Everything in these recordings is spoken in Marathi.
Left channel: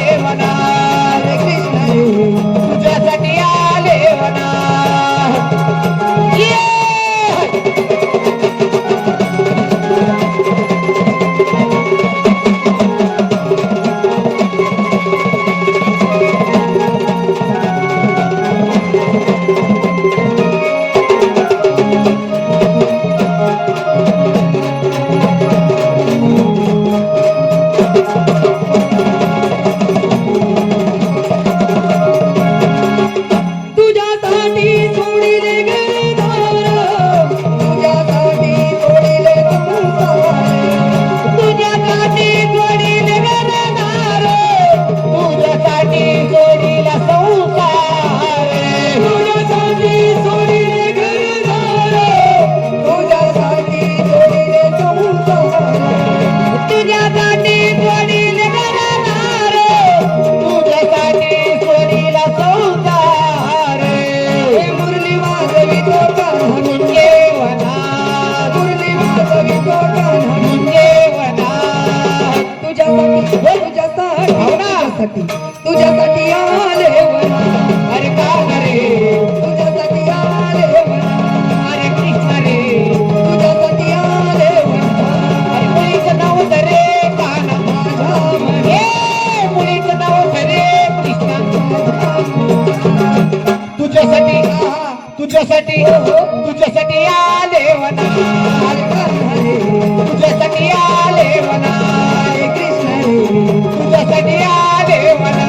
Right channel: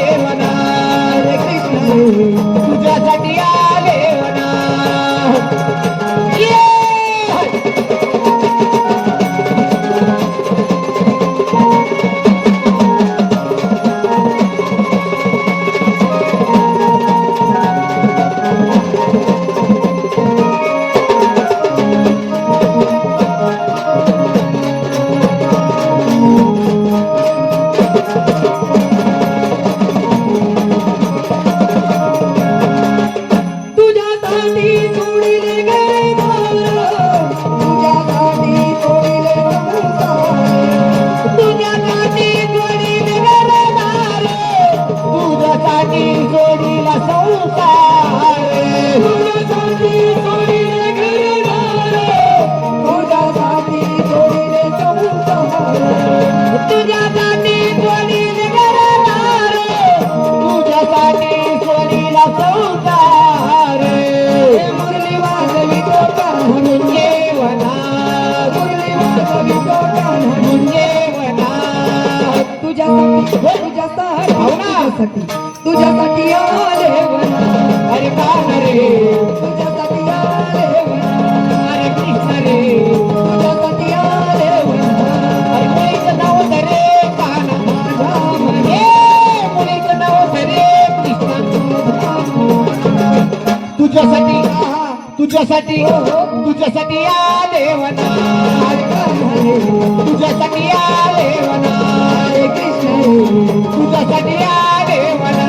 de. तुझ्यासाठी हो, हो, तुझ्यासाठी आले म्हणा तुझ्यासाठी आले म्हणा तुझ्यासाठी आले म्हणा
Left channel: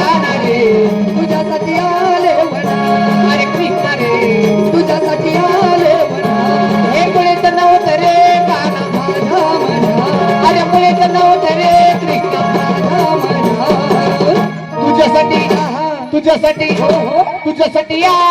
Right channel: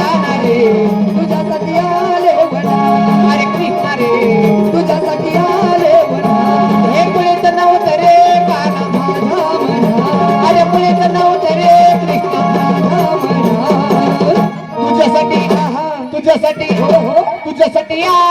Yeah.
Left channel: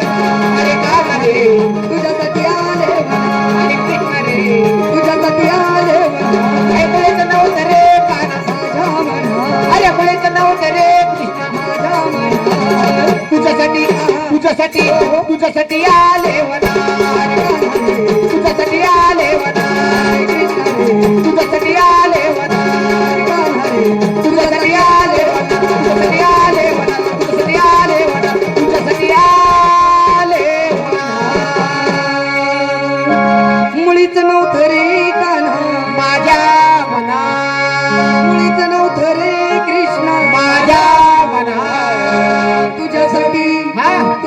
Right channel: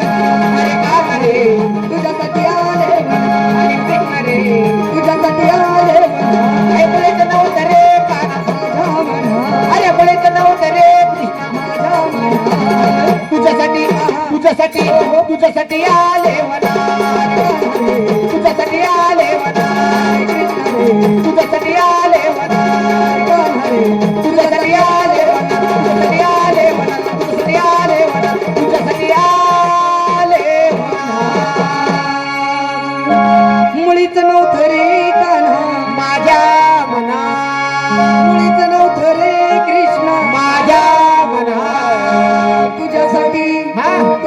तुझ्यासाठी